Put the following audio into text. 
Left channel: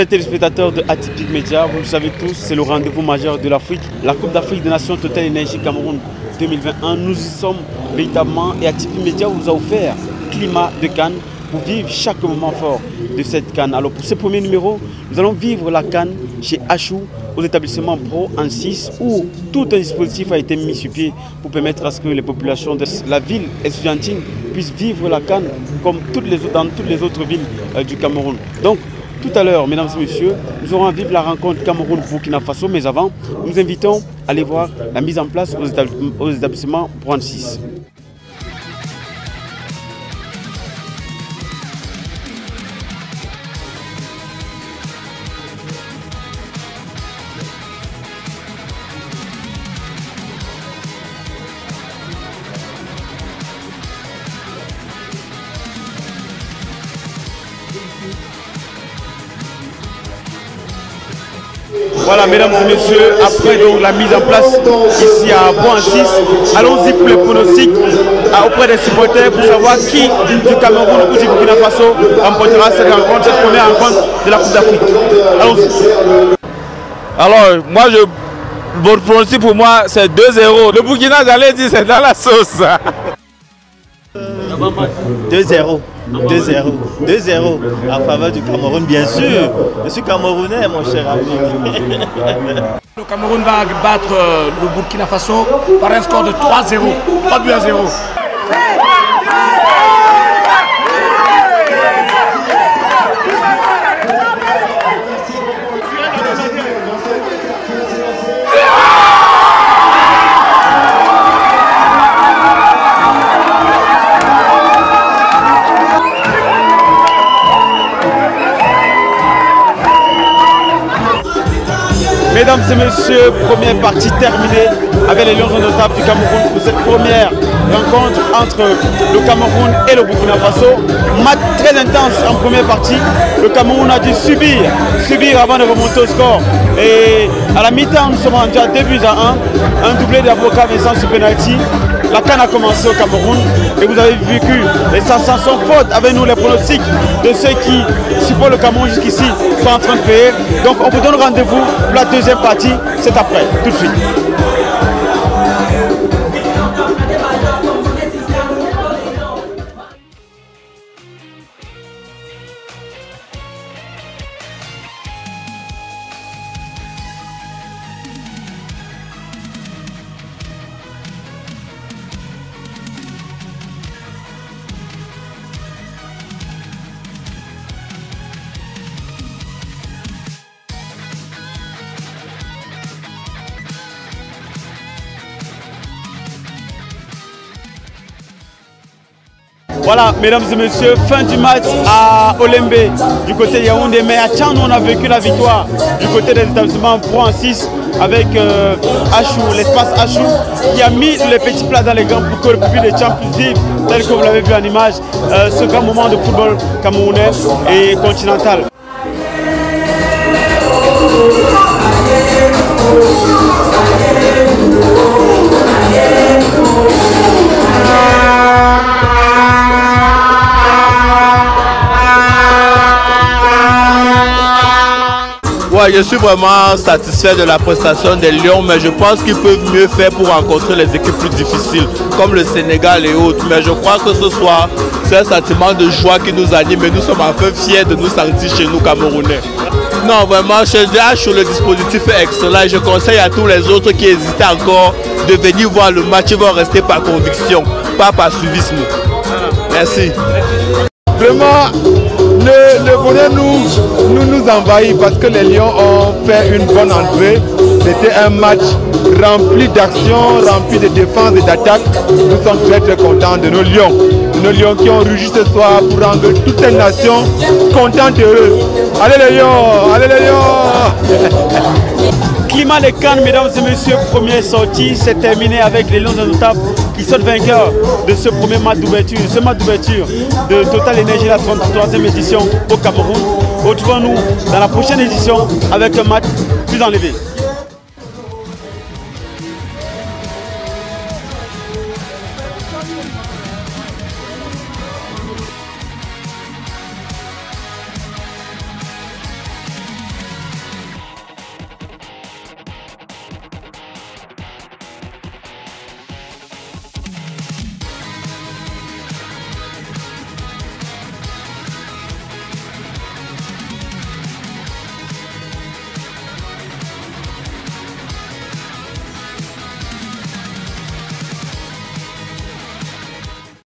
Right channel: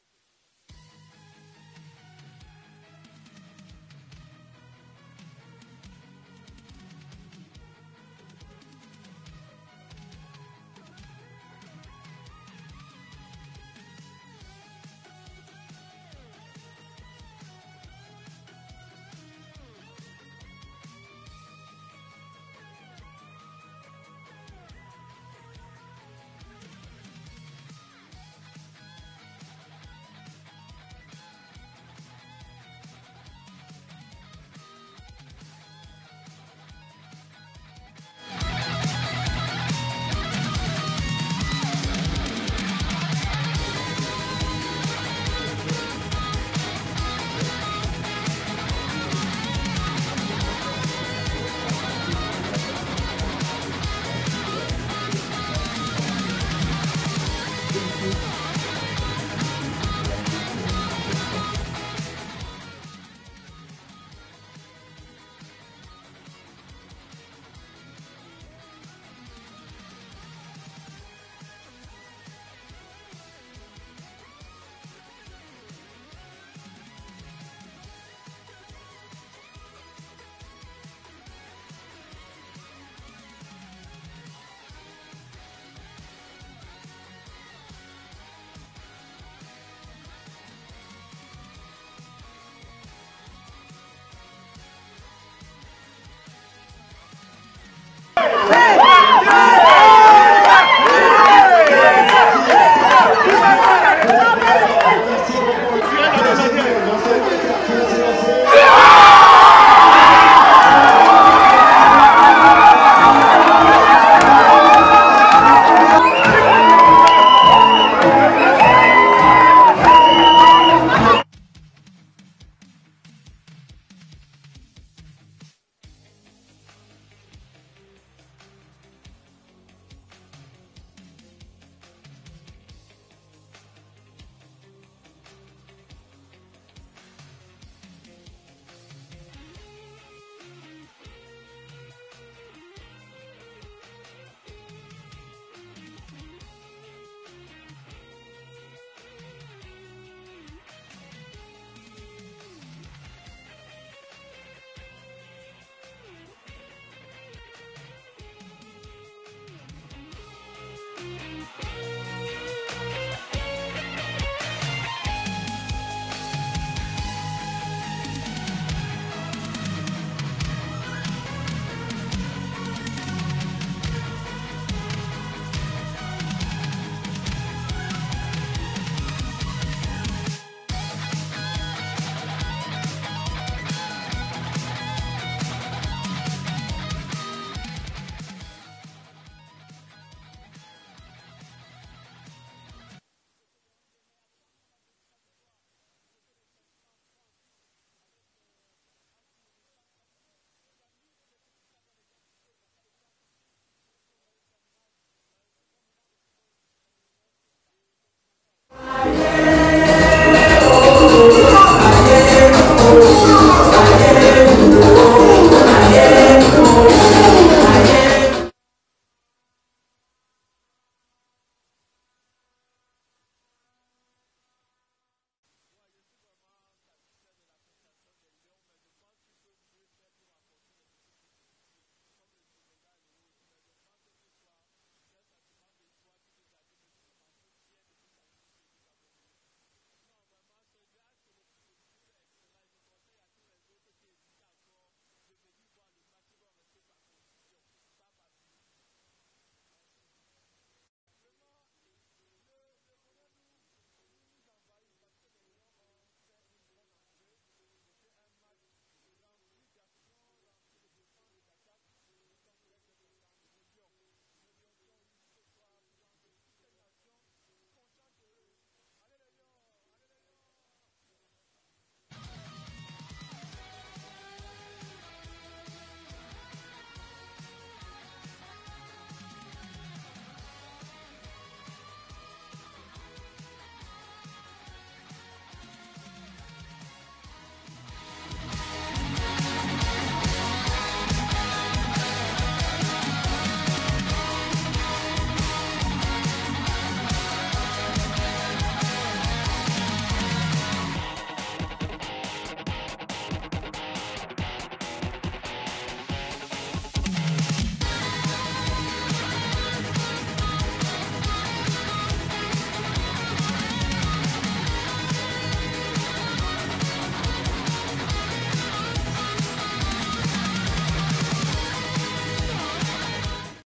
Chers téléspectateurs de Atypique Média, vous le savez tous, c'est le rendez-vous majeur de l'Afrique. La Coupe d'Afrique des Nations Total Energy Cameroun 2021. Nous y sommes véritablement et Atypique Média vous a offert climat de CAN pour vivre chaque moment fort de cette CAN. Alors pour ce premier numéro, nous allons vivre la CAN chez Achou, aux établissements Pro en 6, où tout un dispositif a été mis sur pied pour permettre à ce que les populations de la ville estudiantine puissent vivre la CAN comme dans toutes les autres villes du Cameroun. Donc, tout à l'heure, mesdames et messieurs, nous aurons à vivre la rencontre Cameroun-Burkina Faso, mais avant, nous invitons à aller voir la mise en place aux établissements Pro en 6. Voilà, mesdames et messieurs, après donc, la mise en place ici à Boan 6, allons-y pour les pronostics auprès des supporters pour savoir qui du Cameroun ou du Burkina Faso remportera cette première rencontre de la Coupe d'Afrique. Allons-y. Alors, votre pronostic pour moi, c'est 2-0. Le Burkina, j'allais dire, c'est dans la sauce. 2-0. 2-0 en faveur du Cameroun, bien sûr. Je suis camerounais, mon cher ami. Le Cameroun va battre le Burkina Faso par un score de 3-0. 3 buts à 0. Mesdames et messieurs, première partie terminée avec les Lions indomptables du Cameroun pour cette première rencontre entre le Cameroun et le Burkina Faso. Match très intense en première partie. Le Cameroun a dû subir avant de remonter au score. Et à la mi-temps, nous sommes rendus à 2 buts à 1. Un doublé d'Avocat Vincent sur penalty. La CAN a commencé au Cameroun et vous avez vécu les sensations fortes avec nous, les pronostics de ceux qui supportent le Cameroun jusqu'ici sont en train de payer. Donc on vous donne rendez-vous pour la deuxième partie, c'est après, tout de suite. Voilà, mesdames et messieurs, fin du match à Olembe du côté de Yaoundé. Mais à Tchang, on a vécu la victoire du côté des établissements Pro en 6 avec Achou, l'espace Achou, qui a mis les petits plats dans les gants pour que le public de Tchang puisse vivre, tel que vous l'avez vu en image, ce grand moment de football camerounais et continental. Ouais, je suis vraiment satisfait de la prestation des Lions, mais je pense qu'ils peuvent mieux faire pour rencontrer les équipes plus difficiles, comme le Sénégal et autres. Mais je crois que ce soir, c'est un sentiment de joie qui nous anime et nous sommes enfin fiers de nous sentir chez nous Camerounais. Non, vraiment, chez DH, le dispositif est excellent et je conseille à tous les autres qui hésitent encore de venir voir le match. Ils vont rester par conviction, pas par suivisme. Merci. Vraiment, ne venez nous envahir parce que les Lions ont fait une bonne entrée. C'était un match rempli d'action, rempli de défense et d'attaque. Nous sommes très contents de nos Lions. Nos Lions qui ont rugi ce soir pour rendre toute une nation contente et heureuse. Allez les Lions, allez les Lions. Climat de CAN, mesdames et messieurs, première sortie, c'est terminé avec les Lions indomptables qui sont vainqueurs de ce premier match d'ouverture, de Total Energy, la 33e édition au Cameroun. Retrouvons-nous dans la prochaine édition avec un match plus enlevé.